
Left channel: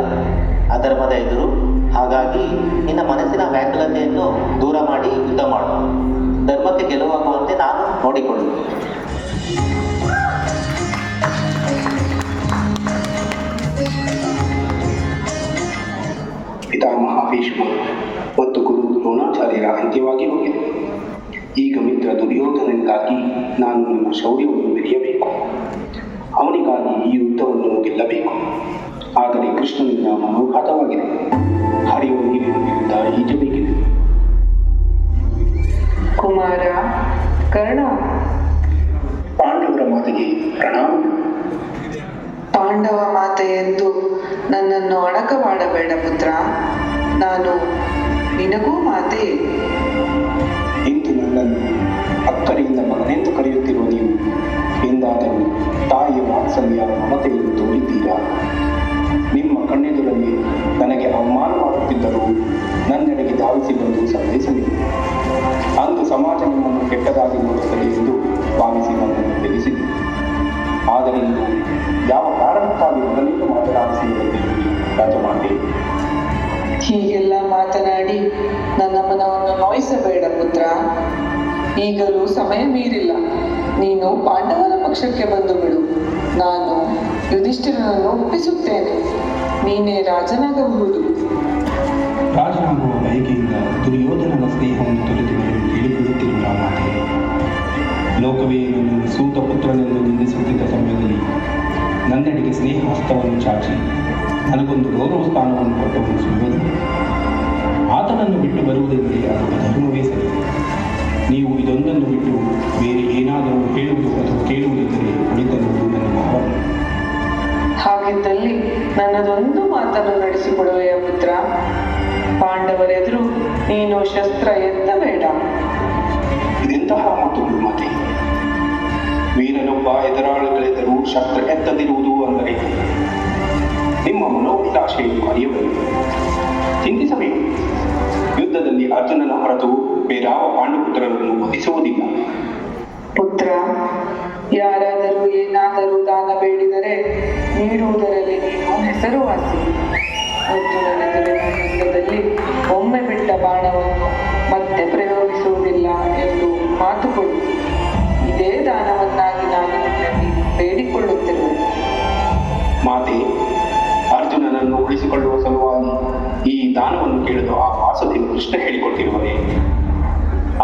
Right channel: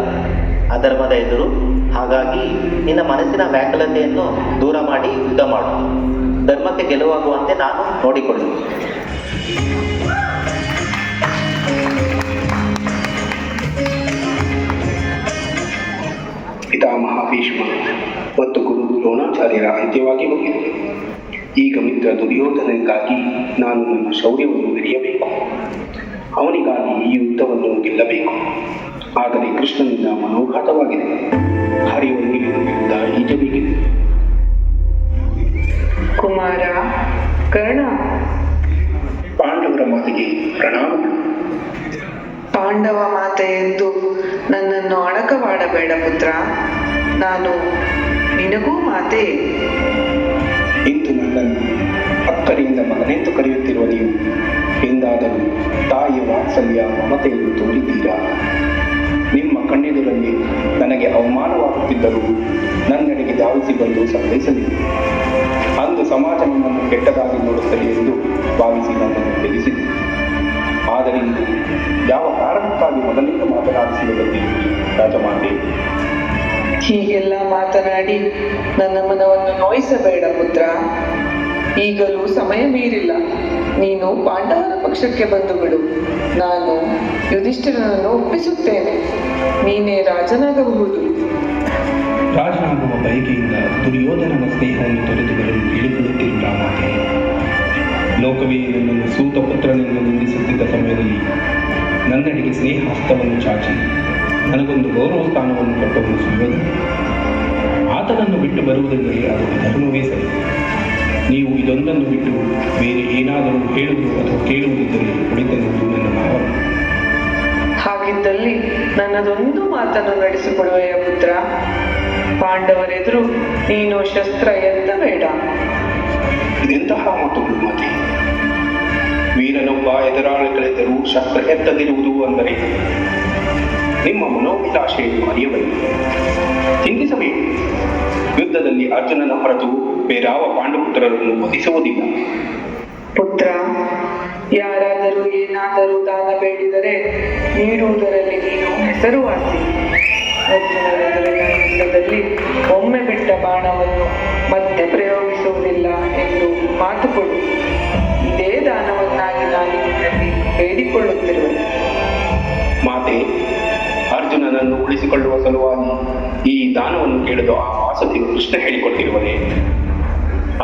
ಅಧರ್ಮದ ಎದುರು. ಹಾಗಾಗಿ ನಿನ್ನ ಮನಸ್ಸಿನ ಮನಸ್ಸಿನ ವ್ಯಾಕುಲತೆಯನ್ನು ದೂರ ಮಾಡಿ ಯುದ್ಧ ಮಾಡು. ಧರ್ಮಕ್ಕೆ ಗೆಲುವಾಗುವಂತೆ ನಾನು ನೋಡಿಕೊಳ್ಳು. ಪಿತಾಮಹ ಭೀಷ್ಮ ಮತ್ತು ಗುರು ದ್ರೋಣಾಚಾರ್ಯರ ಅಂತ್ಯವಾಗಿ ಹೋಗಿದೆ. ಈಗ ಮಿತ್ರ ದುರ್ಯೋಧನನಿಗಾಗಿ ನಾನು ನನ್ನ ಶೌರ್ಯವನ್ನು ಮೆರೆಯಬೇಕು. ಅವನಿಗಾಗಿ ಈ ಯುದ್ಧವನ್ನು ಗೆಲ್ಲಬೇಕು. ಆದರೆ ಕೃಷ್ಣನಿಂದ ಮನೋಘಾತವಾಗಿದೆ. ಹರಿಯುವ ನೀರಿನ ವಿರುದ್ಧ ಈಜಬೇಕಿದೆ. ಕುಮಾರ ಕರ್ಣ, ಪಾಂಡವರ ಮಾತೆಗೆ ಪ್ರಣಾಮಗಳು. ಪಾಂಡವ ಮಾತೆ ಎಂದು ನನ್ನನ್ನು ಅಡಕವಾಡಬೇಡ ಪುತ್ರ. ನಾನು ನಿನಗೂ ಮಾತೆ. ಇಂದು ನನ್ನನ್ನು ಅಕ್ಕರಿಂದ ಮಗನೆಂದು ಕರೆಯುತ್ತಿರುವ ನೀವು ಎಂದಾದರೂ ತಾಯಿಯ ವಾತ್ಸಲ್ಯ ಮಮತೆಯನ್ನು ತೋರಿದ್ದೀರಾ? ನಿಮ್ಮ ಕಣ್ಣೆದುರಲ್ಲಿ ನನಗೆ ಅವಮಾನವಾಗುತ್ತಿದ್ದರೂ ನನ್ನೆಡೆಗೆ ಧಾವಿಸಿ ಬಂದು ಸಂತೈಸಲಿದೆ. ಅಂದು ಸಮಾಜ ನನ್ನನ್ನು ಕೆಟ್ಟದಾಗಿ ನೋಡುತ್ತದೆ ಎಂದು ಭಾವಿಸಿ ನನ್ನನ್ನು ಬೆಳೆಸಿದೆ. ಆದರೆ ಇಂದು ಯಾವ ಕಾರಣಕ್ಕಾಗಿ ಮೊದಲಿಂದ ಮಾತನಾಡಿಸಿರುವುದರಲ್ಲಿ ರಾಜಮಾತೆ. ಹೀಗೆಲ್ಲ ಮಾತನಾಡಿ ನನ್ನ ಮನವನ್ನು ನೋಯಿಸಬೇಡ ಪುತ್ರ. ಈಗಲೂ ಸಮಯ ಮೀರಿಲ್ಲ. ನೀನು ಪಾಂಡವರ ಪಕ್ಷಕ್ಕೆ ಬಂದು ಬಿಡು. ನಾನು ಯುಧಿಷ್ಠಿರನನ್ನು ಒಪ್ಪಿಸುತ್ತೇನೆ. ನೀನೇ ರಾಜನಾಗಬಹುದು. ರಾಜನಾಗುವ ಬಯಕೆಯಿಂದ ದುರ್ಯೋಧನನ ಸ್ನೇಹವನ್ನು ತೊರೆದುಕೊಳ್ಳಲು ಕೇಳಿಕೊಳ್ಳುತ್ತಿರುವ ಮಾತೆ. ಲೋಕವೇ ನನ್ನನ್ನು ಸೂತ ಪುತ್ರನೆಂದು ನಿಂದಿಸುತ್ತಿದ್ದ ಸಮಯದಲ್ಲಿ ನನ್ನೆಡೆಗೆ ಸ್ನೇಹ ಹಸ್ತವನ್ನು ಚಾಚಿ ನನಗೊಂದು ಗೌರವ ಸ್ಥಾನವನ್ನು ಕೊಟ್ಟವನು ಸುಯೋಧನ. ಆತನನ್ನು ಬಿಟ್ಟು ಬರುವುದೆಂದರೆ ಅದು ಅಧರ್ಮವೇ ಸರಿ. ನೀವು ಇದೊಂದನ್ನು ಬಿಟ್ಟು ಬೇರೆ ಏನಾದರೂ ಹೇಳುವುದು ಅಥವಾ ಕೇಳುವುದಿದ್ದರೆ ಉಳಿದೆನ್ನುವುದು ನನ್ನ ಭಾವನೆ. ಹಾಗಿದ್ದಲ್ಲಿ ನನ್ನದೊಂದು ಮಾತನ್ನು ನಡೆಸಿಕೊಡುವೆಯ ಪುತ್ರ. ಪಾಂಡವರೆದುರು ನೀನು ಶಸ್ತ್ರ ಎತ್ತಬೇಡ. ಇದೆಂತಹ ಮಾತುಗಳು ಮಾತೆ? ವೀರನೊಬ್ಬ ಎದುರಾಳಿಗಳೆದುರು ಶಸ್ತ್ರ ಎತ್ತದಿರುವುದು ಅಂದರೆ ನಿಮ್ಮ ಮನೋಭಿಲಾಷೆಯನ್ನು ಅರಿಯಬೇಕು. ಚಿಂತಿಸಬೇಕು. ಯುದ್ಧದಲ್ಲಿ ಅರ್ಜುನನ ಹೊರತು ಬೇರಾವ ಪಾಂಡುಪುತ್ರರನ್ನು ವಧಿಸುವುದಿಲ್ಲ. ಪುತ್ರ, ಯಾರಾದರೂ ಏನಾದರೂ ದಾನ ಬೇಡಿದರೆ ನೀಡುವುದರಲ್ಲಿ ನೀನು ಹೆಸರುವಾಸಿ. ಅರ್ಜುನನೆದುರಿನ ಯುದ್ಧದಲ್ಲಿ ಒಮ್ಮೆ ಬಿಟ್ಟ ಬಾಣವನ್ನು ಮತ್ತೆ ಪ್ರಯೋಗಿಸುವುದಿಲ್ಲ ಎಂದು ಮಾತು ಕೊಡು. ಇದೇ ದಾನವನ್ನಾಗಿ ನಾನು ಬೇಡಿಕೊಳ್ಳುತ್ತಿರುವೆ. ಮಾತೆ, ಅರ್ಜುನನನ್ನು ಉಳಿಸಿಕೊಳ್ಳುವ ಸಲುವಾಗಿ ಈ ದಾನವನ್ನು ಕೇಳಲು ಆ ವಾಸುದೇವ ಕೃಷ್ಣ ಹೇಳಿಕೊಟ್ಟಿರುವನೇ?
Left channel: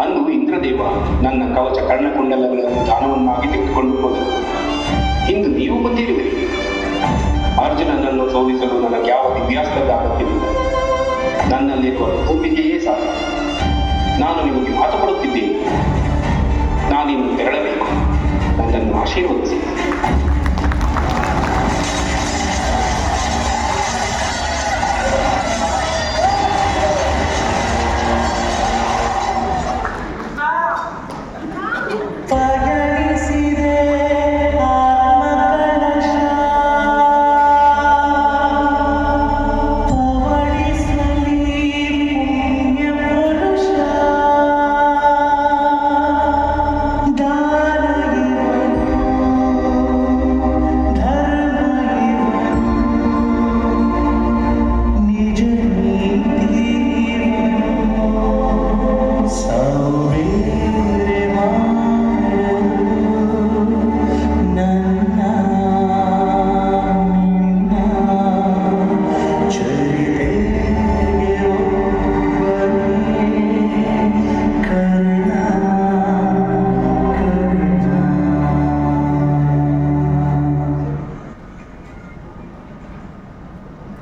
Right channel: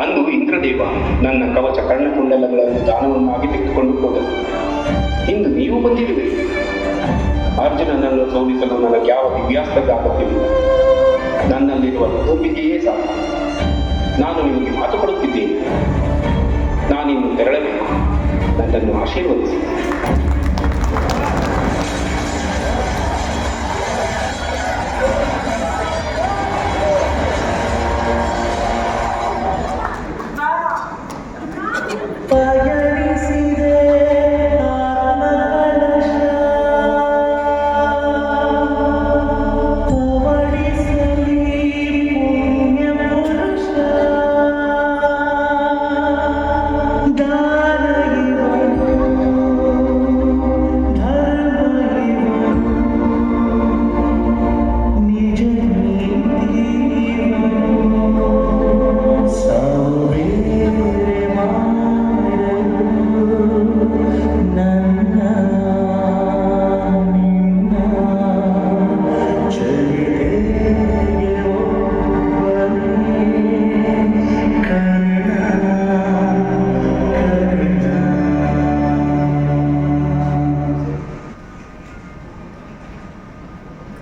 ಅಂದು ಇಂದ್ರದೇವ ನನ್ನ ಕವಚ ಕರ್ಣಕುಂಡಲಗಳನ್ನು ದಾನವನ್ನಾಗಿ ತೆಗೆದುಕೊಂಡು ಹೋದರು. ಇಂದು ನೀವು ಬಂದಿರುವಿರಿ. ಅರ್ಜುನನನ್ನು ಸೋಲಿಸಲು ನನಗೆ ಯಾವ ದಿವ್ಯಾಸ್ತ್ರದ ಅಗತ್ಯವಿಲ್ಲ. ನನ್ನಲ್ಲಿರುವ ತುಂಬಿದೆಯೇ ಸಾಕು. ನಾನು ನಿಮಗೆ ಮಾತು ಕೊಡುತ್ತಿದ್ದೇನೆ. ನಾನಿನ್ನು ತೆರಳಬೇಕು. ನನ್ನನ್ನು ಆಶೀರ್ವದಿಸಿ.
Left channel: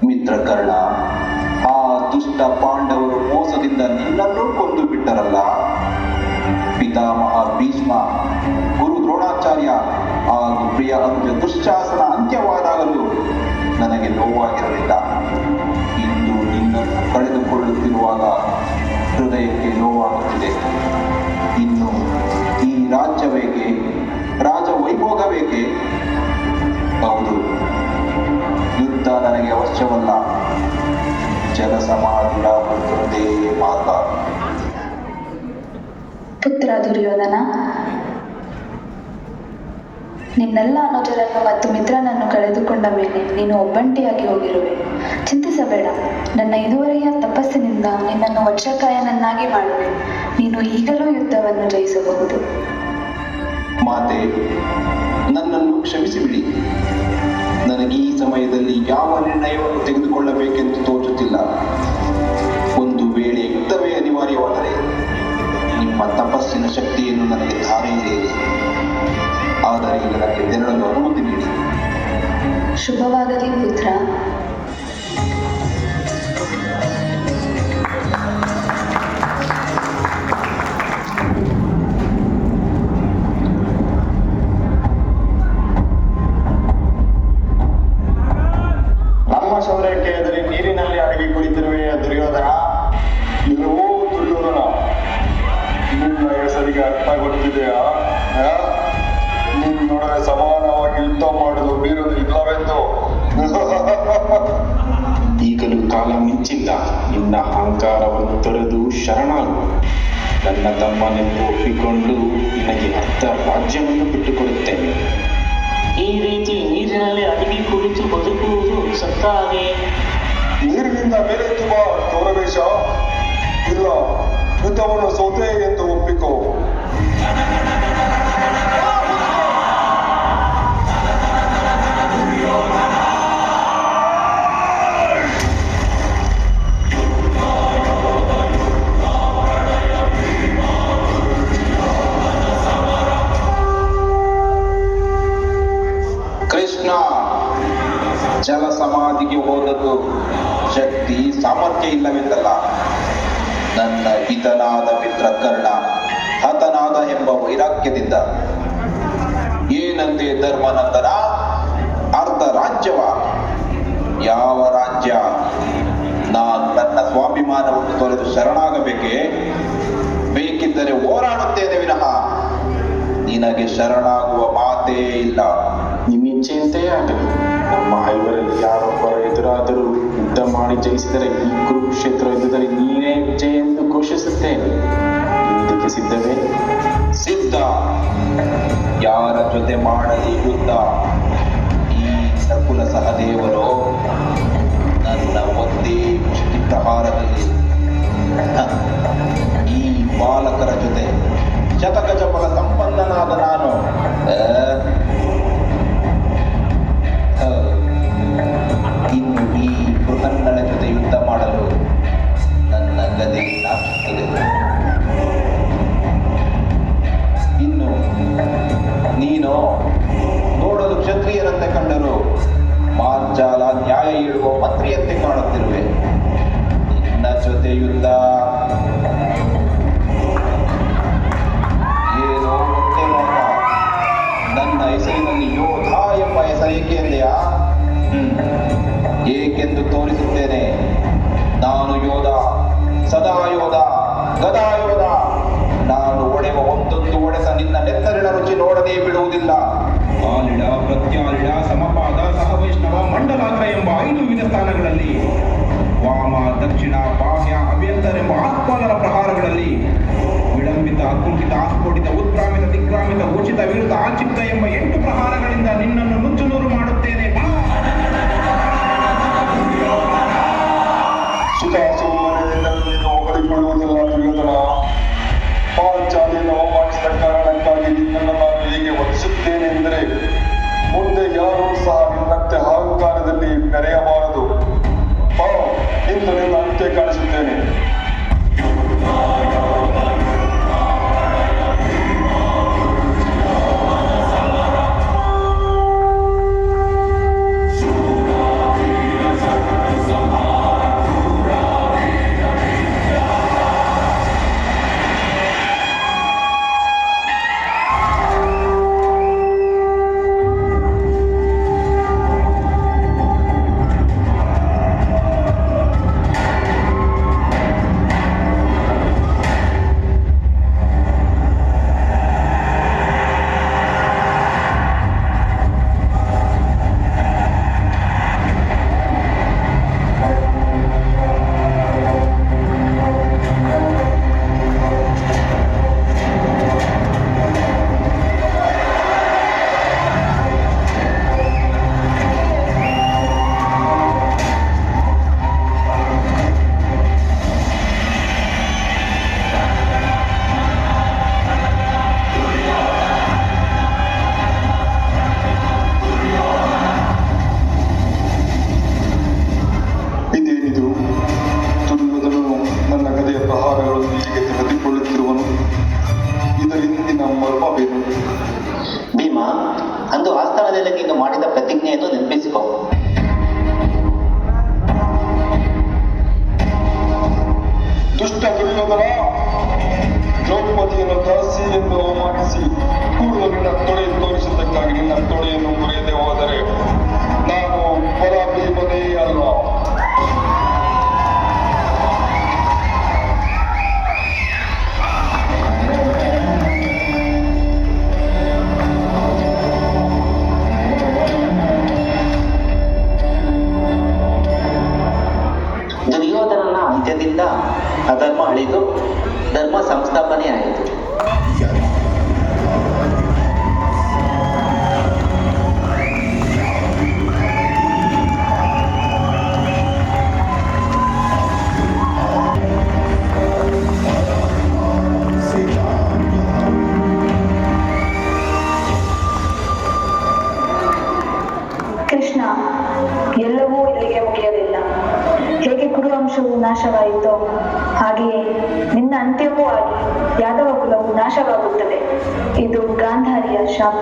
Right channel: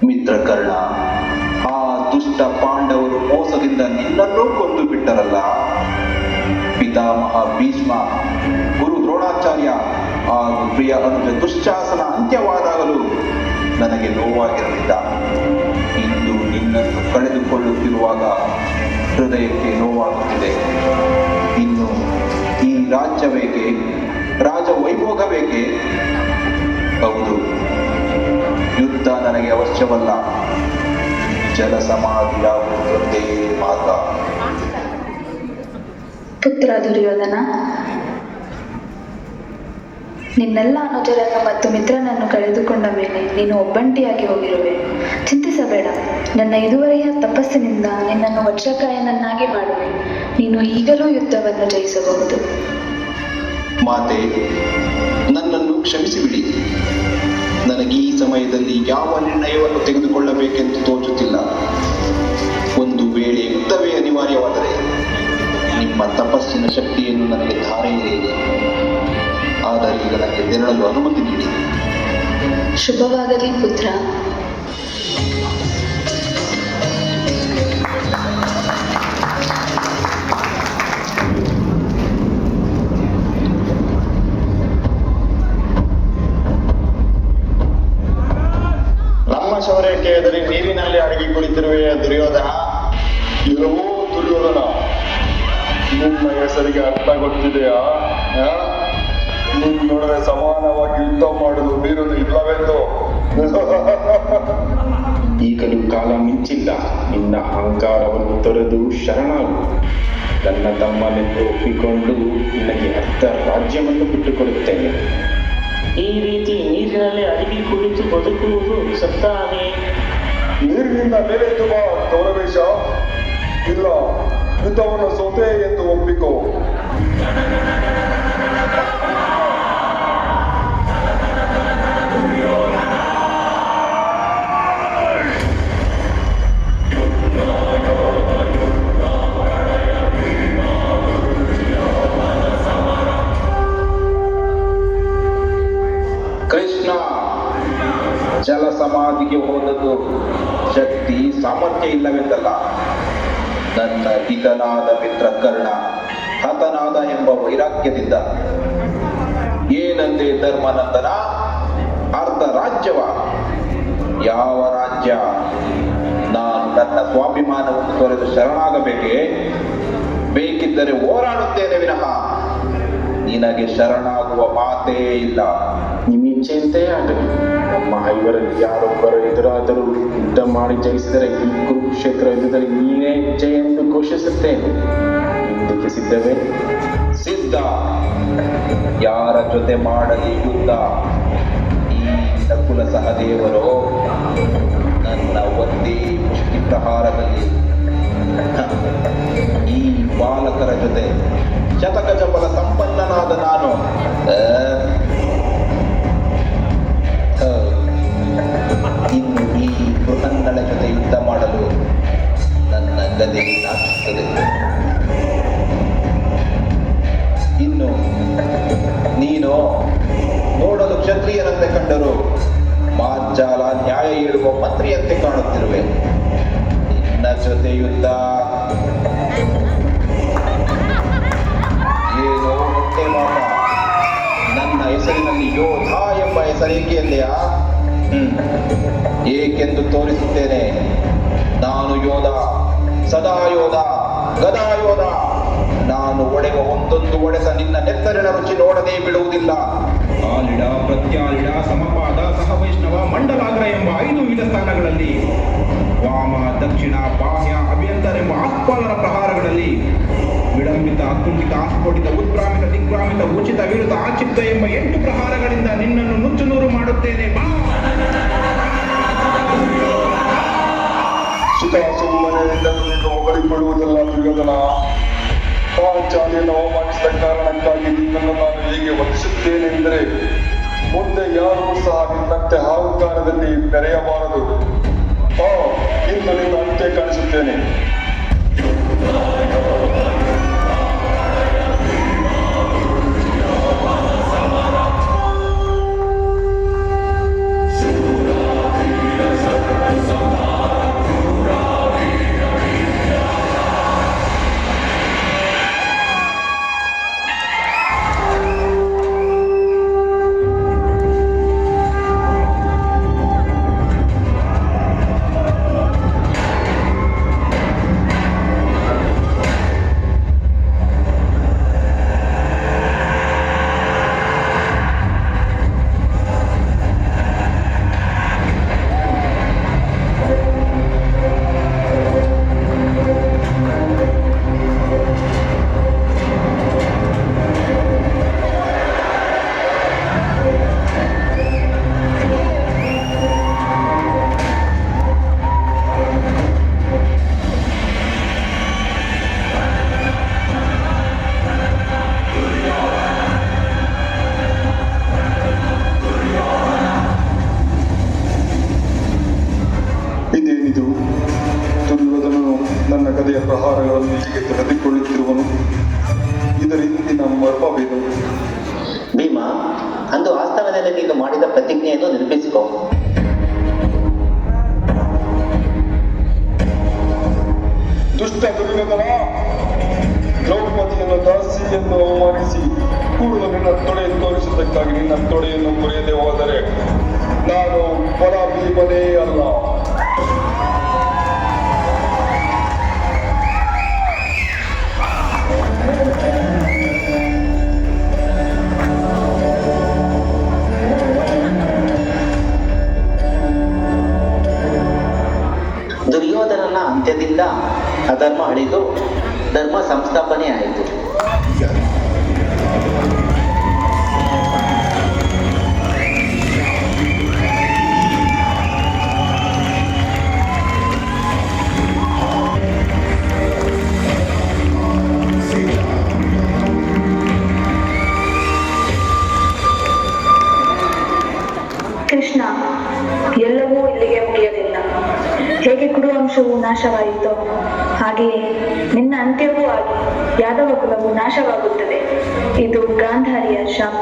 ಮಿತ್ರಕರ್ಣ, ಆ ದುಷ್ಟ ಪಾಂಡವರು ಮೋಸದಿಂದ ನಿನ್ನನ್ನು ಕೊಂದು ಬಿಟ್ಟರಲ್ಲ. ಪಿತಾಮಹ ಭೀಷ್ಮ, ಗುರು ದ್ರೋಣಾಚಾರ್ಯ ಹಾಗೂ ಪ್ರಿಯ ಅನುಜ ದುಶ್ಯಾಸನ ಅಂತ್ಯವಾದಾಗಲೂ ನನಗೆ ನೋವಾಗಿರಲಿಲ್ಲ. ಇಂದು ನಿನ್ನನ್ನು ಕಳೆದುಕೊಳ್ಳುತ್ತಿರುವಾಗ ಹೃದಯಕ್ಕೆ ನೋವಾಗುತ್ತಿದೆ. ಇನ್ನು ಈ ರಾಜ್ಯ ಬೇಕೆ? ರಾಜ ವೈಭೋಗ ಬೇಕೆ? ಹೌದು, ಯುದ್ಧ ನನಗೆ ಅವಶ್ಯವಲ್ಲ. ಜನಸಮಾಧಿಯಾಗುವುದೊಂದೇ ಮಾರ್ಗ. ಪುತ್ರ ದುರ್ಯೋಧನ, ನಿನ್ನೆಲ್ಲ ಅನುಜರನ್ನು ಮತ್ತು ಮಿತ್ರನನ್ನು ಕಳೆದುಕೊಂಡ ಮೇಲೆ ನೀನು ಒಬ್ಬಂಟಿಯಾಗಿ ಹೋಗಿರುವೆ. ಚಿಂತಿಸಬೇಡ. ನನ್ನ ಇದುವರೆಯ ತಪಸ್ಸಿನಿಂದ ನಿನ್ನನ್ನು ವಜ್ರಕಾಯನನ್ನಾಗಿ ಮಾಡುವೆ. ನೀನು ಈಗಲೂ ಯುದ್ಧವನ್ನು ಜಯಿಸಬಹುದು. ಮಾತೆ, ನನ್ನನ್ನು ಕ್ಷಮಿಸಿಬಿಡಿ. ನನಗೆ ಈ ಸಮಯದಲ್ಲಿ ಯಾವ ನಿರ್ಣಯವನ್ನು ತೆಗೆದುಕೊಳ್ಳಬೇಕೆಂದು ತೋಚುತ್ತಿಲ್ಲ. ಒಂದು ವೇಳೆ ಯುದ್ಧವೇ ಅನಿವಾರ್ಯವಾದರೆ ನಿಮ್ಮ ತಪಸ್ಸಿನ ಶಕ್ತಿಯನ್ನು ನನಗೆ ಧಾರೆಯಿರಿ. ಆದರೆ ಈಗ ನನಗೆ ತೆರಳಲು ಅನುಮತಿ ನೀಡಿ. ಶುಭವಾಗಲಿ ಪುತ್ರ. ನಮ್ಮ ಶೌರ್ಯಕ್ಕೆ ಎದುರಿ ನೀರಿನಲ್ಲಿ ಅಡಗಿ ಕುಳಿತಿರುವೆ ದುರ್ಯೋಧನ. ಇಲ್ಲವೋ ದುರ್ಯೋಧನ, ನಿನ್ನ ಹೆಸರಿಗೆ ಅರ್ಥ ಗೊತ್ತಿದೆಯಾ? ನಿನ್ನೊಡನೆ ಸಮಾನವಾಗಿ ಯುದ್ಧ ಮಾಡಲು ಬೇರೊಂದು ಇಲ್ಲವೆಂದು. ಈಗಲೂ ಕಾಲ ಮಿಂಚಿಲ್ಲ. ನಿನ್ನ ಅಹಂಕಾರವನ್ನು ತೊರೆದು ಶರಣಾಗು. ನನ್ನ ತಮ್ಮನೆಂದು ಒಪ್ಪಿಕೊಂಡು ನಿನಗೆ ಅರ್ಧ ರಾಜ್ಯವನ್ನು ಬಿಟ್ಟುಕೊಡುತ್ತೇನೆ. ಈ ರೀತಿ ನೀರಿನಲ್ಲಿ ಅಡಗಿ ಕುಳಿತು ಬದುಕುವುದು ಸತ್ತ ಹಾಗೆ. ನೀರಿನಿಂದ ಮೇಲೆ ತುಂಬಾ ಗೌರವೇಶ. ಇಲ್ಲ, ಯುದ್ಧವನ್ನು ಸೋತೆ ಎಂದು ಒಪ್ಪಿಕೋ. ಕೃಷ್ಣ, ಜಲ ಸಮಾಧಿಗೆ ಹೋದದ್ದು ಶಕ್ತಿ ಸಾಮರ್ಥ್ಯ ಇಲ್ಲವೆಂದಲ್ಲ. ನನ್ನ ಹಿತನಾದ ಮಿತ್ರ ಕರ್ಣ ಹತನಾದ ಎಂಬ ವೈರಾಗ್ಯದಿಂದ. ಏನಂದೆ ಧರ್ಮನಂದನ? ಅರ್ಧ ರಾಜ್ಯವ? ಯಾವ ರಾಜ್ಯ? ನಾನು ನನ್ನ ಸ್ವಾಭಿಮಾನವನ್ನು ತೊರೆದು ಶರಣಾಗಬೇಕೆ? ಬೇಕಿದ್ದರೆ ಹೋರಾಡುತ್ತೇನೆ ವಿನಃ ನಿನಗೆ ಶರಣಾಗುವ ಮಾತೇ ಇಲ್ಲ. ನಿಮ್ಮಿಚ್ಛೆಯಂತೆ ಆಗಲಿ. ನಮ್ಮ ಐವರಲ್ಲಿ ಯಾರೊಬ್ಬರು ಎದುರಾದರೂ ಯುದ್ಧ ಮಾಡಿ ಜಯಿಸಿದರೆ ಈ ಕುರುಕ್ಷೇತ್ರ ಯುದ್ಧದಲ್ಲಿ ನೀನೇ ಜಯ ಎಂದು ಘೋಷಿಸುತ್ತೇನೆ. ಯುದ್ಧಕ್ಕೆ ಸಿದ್ಧವೇ? ಸಿದ್ಧ. ಯಾರ ಜೊತೆ ಮಾಡಲಿ ಯುದ್ಧ? ಈ ನಕುಲ ಸಹದೇವರು ನನ್ನ ಒಂದೇ ಮುಷ್ಟಿ ಪ್ರಹಾರದಲ್ಲಿ ಈ ಬಾಲಕರ ಜೊತೆ ಶತಗಜ ಬಲ ಸಂಪನ್ನನಾದ ನಾನು ಇನ್ನು ಈ ಬೃಹನ್ನಳ ಜೊತೆ ಯುದ್ಧ ಮಾಡಲು ನನ್ನ ಗದೆ ಆಗ್ತದೆ. ಇನ್ನು ನೀನು ನೋಡಲು ಕ್ಷತ್ರಿಯರಂತೆ ಕಂಡರು ಮಾರ್ಜಾಲ ನ್ಯಾಯ ಹೇಳುವ ಮಂತ್ರಿಯಂತೆ ಕಾಣುತ್ತಿರುವೆ. ನಿನ್ನ ಜೊತೆ ಯುದ್ಧ ಏನೋ ಹೊಟ್ಟೆ ಮಾಡ. ನನ್ನ ಹೆಸರಿನಲ್ಲಿ ಯೋಧ ಎಂಬ ಹೆಸರೇಕೆಂದೆಯಾ? ಏಕೆಂದು ತೋರಿಸುತ್ತೇನೆ. ನಾನು ಯೋಧ, ಸದಾ ಯೋಧ, ಗದಾ ಯೋಧ. ನಾನು ಒಡೆಯುವ ಒಂದೊಂದು ಒಡೆತ ನಿನ್ನ ನೆತ್ತರಿನ ರುಚಿ ನೋಡದೇ ಬಿಡುವುದಿಲ್ಲ. ಆಲಿಡ, ಪ್ರತ್ಯಾಲಿಡ, ಸಮಪಾದ, ಸಹವೈಷ್ಣವ, ಮಂಡಲಾಗ್ರ ಎಂಬ 5 ವಿವಿಧ ಸ್ಥಾನಗಳಲ್ಲಿ ವಾಮ, ದಕ್ಷಿಣ, ಬಾಹ್ಯ, ಅಭ್ಯಂತರ ಎಂಬ ಆಸ್ಪಾದರ ಪ್ರಹಾರಗಳಲ್ಲಿ ವಿಳಂಬಿತ, ಅಕುಂಠಿತ, ಆಸ್ಫೋಟಿತ, ಉತ್ಕ್ರಾಮಿತ, ದಿಗ್ಭ್ರಾಮಿತ, ಉಚಿತ, ವಿರುತ, ಆಚಿಕ್ತ ಎಂಬ 8 ಪ್ರಹಾರಗಳಿಂದ ನಿನ್ನನ್ನು ನುಚ್ಚುನೂರು ಮಾಡುತ್ತೇನೆ. ಬಾ! ಸುಖಾಸುಮ್ಮನೆಯಿಂದ ನಿನ್ನನ್ನು ಹೊಗಳಿಕೊಳ್ಳುವುದಿಲ್ಲ ದುರ್ಯೋಧನ. ಪಾಂಚಾಲಿಯನ್ನು ಅವಮಾನಿಸಿದ ಕಾರಣಕ್ಕಾಗಿ ನಿನ್ನನ್ನು ನಾನು ಹೀಗೆ ವಂದಿಸುತ್ತೇನೆಂದರೆ ಮುಂದೆ ಯಾರೂ ಸಹ ನಿನ್ನಂತೆ ಅಹಂಕಾರದಲ್ಲಿ ಮೆರೆಯಬಾರದು. ಇಂದು ನಿನ್ನ ಅಂತ್ಯ ಕಾಣಿಸುತ್ತೇನೆ. ದುಷ್ಟ ದುರ್ಯೋಧನ, ದ್ರೌಪದಿಯನ್ನು ದಾಸಿ ಎಂದು ಅವಮಾನಿಸಿ ಕೂಡಲು ನಿನ್ನ ತೊಡೆ ತೋರಿಸಿದ್ದಕ್ಕಾಗಿ ನಿನ್ನ ತೊಡೆಯನ್ನು ಮುರಿಯದೆ ಹೋದರೆ ನಾನು ಬಲಾಢ್ಯವನೇ ಅಲ್ಲ. ದುರ್ಯೋಧನನ ಅಂತ್ಯದಿಂದ ಅಧರ್ಮ ಅಳಿದು ಧರ್ಮ ಸಂಸ್ಥಾಪನೆ ಆಯಿತು. ಕೃಷ್ಣ, ಎಲ್ಲವೂ ಇಲ್ಲಿಗೆ ಮುಗಿಯಲಿಲ್ಲ. ಹೇಗೆ ಕುರುವಂಶವು ನಾಶವಾಯಿತೋ ಹಾಗೆಯೇ ನಿನ್ನ ಅಂತ್ಯವೂ ಆಗಿ ಯಾದವ ಕುಲವು ನಾಶವಾಗುತ್ತದೆ. ಇದು ಗಾಂಧಾರಿಯ ಶಾಪ.